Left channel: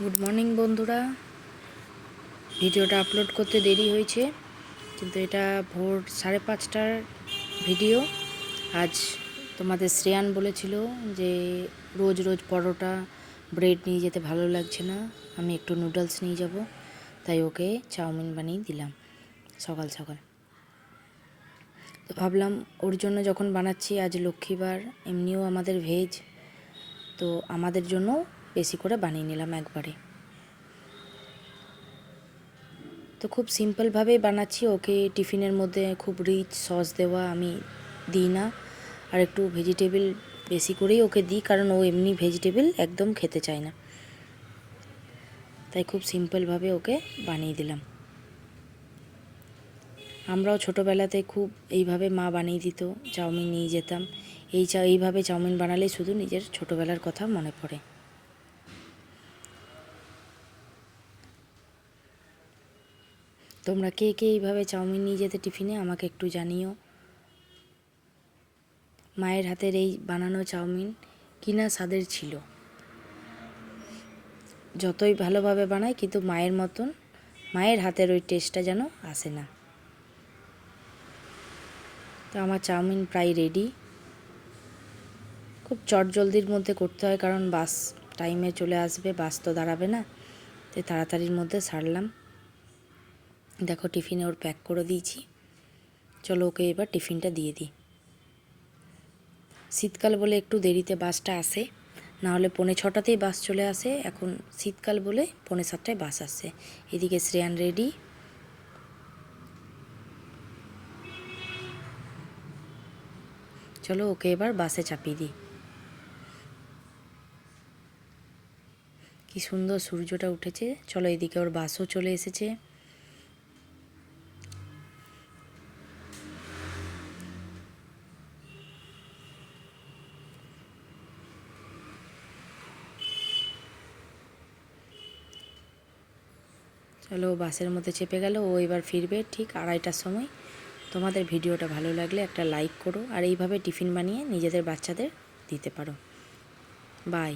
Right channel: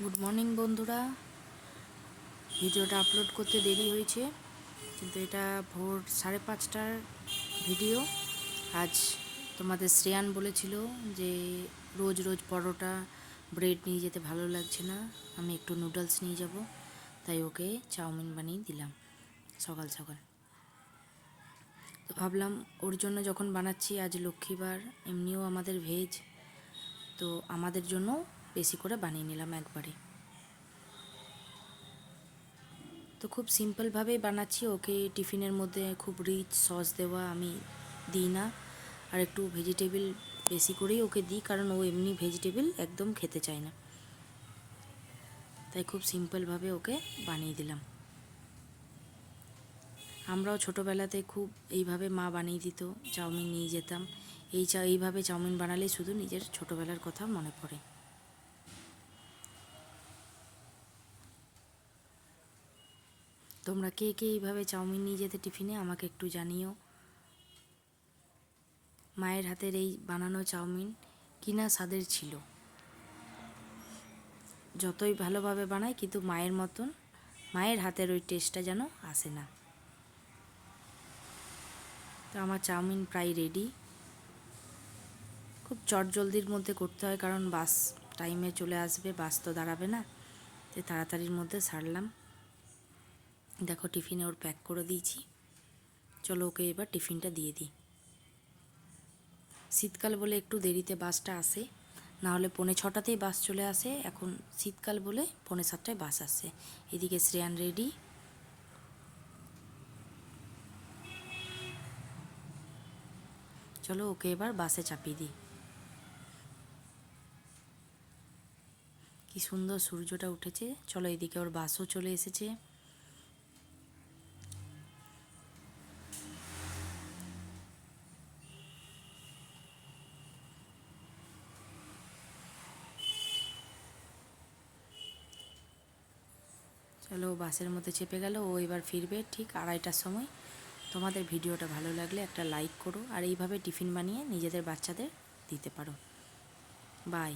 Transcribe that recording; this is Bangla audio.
গুড মর্নিং বন্ধুরা। ভিডিওটা আপলোড করতে দেরি হয়েছে, কিন্তু এটা ভোর 5:30টার ভিডিও। আজ তোমাদের শ্রেয়ান বলেছিল যে রোজ রোজ পরোটা ব্রেড নিয়ে যেতে ভালো লাগছে না, আমি একটু নুডলস নিয়ে যাব, তাই ওকে চাউমিন বানিয়ে দিলাম সকাল সকাল। তো ভাবলাম ওর জন্য যখন বানাচ্ছি, আজ লক্ষ্মীবার, এমনিও আমাদের ভেজ, তো আমাদের জন্য বেশি করে বানিয়ে নিলাম একবারে। তো খুব সিম্পলভাবেই বানাচ্ছি। ওকে টিফিনের মধ্যে খুব রিচ সস দেওয়া আমি দিই না, আর একটু ভেজিটেবল বেশি করেই ওকে দিই, কারণ ও এমনি ভেজিটেবল একদম খেতে চায় না, তাই খুব সিম্পলভাবে ওকে বানিয়ে দিলাম। আমরাও ছোটোবেলাতে খুব এইভাবে মা বানিয়ে দিত, চাউমিন নিয়ে যেতাম। এইভাবে চাউমিন বানালেই শুধু নিজের ছোটোবেলার কথা মনে পড়ে। তোমরা কে কে এইভাবে চাউমিন নিয়ে যেতে টিফিনে আমাকে একটু জানিও। মায়ের হাতের এই বানানো চাউমিন কিনা স্বাদের ছিল, যতই ভালোভাবে বানাই কিন্তু মায়ের মতন, মায়ের হাতের ওই টেস্টটা যেন আসে না। তো আমার চাউমিন প্রায় রেডি। খুব চটজলদির মধ্যে করতে হয়, কারণ বাস টাইমে চলে আসবে, বাস তো দাঁড়াবে না, তাই তাড়াতাড়ির মধ্যে সারলাম। দেখো টিফিনে ওর প্যাক করে দিয়েছি। চলো ওকে এবার টিফিনটা দিয়ে দিই। শীতকাল বলে একটু দেরিতে বাসটা আসে, নাহলে 6:45তেই বাস চলে আসে। এখন শীতকাল বলে 7:45টায় বাস আসে। এদিকে শ্রেয়ান রেডি। চলো ওকে এবার বাসে চাপিয়ে দিই। কি সুন্দর সূর্যটা উঠেছে। চলো এদিকে ওর বাসও চলে এসেছে। চলো বাসের মধ্যে চেপে গেল। ও এবার ফিরবে ঠিক 2:30টার সময়। তোমাদের ভিডিওটা ভালো লাগলে একটা লাইক করো, আর এইভাবে টিফিন বানিয়ে নিজেদের বাচ্চাদের দিতে পারো। বাই।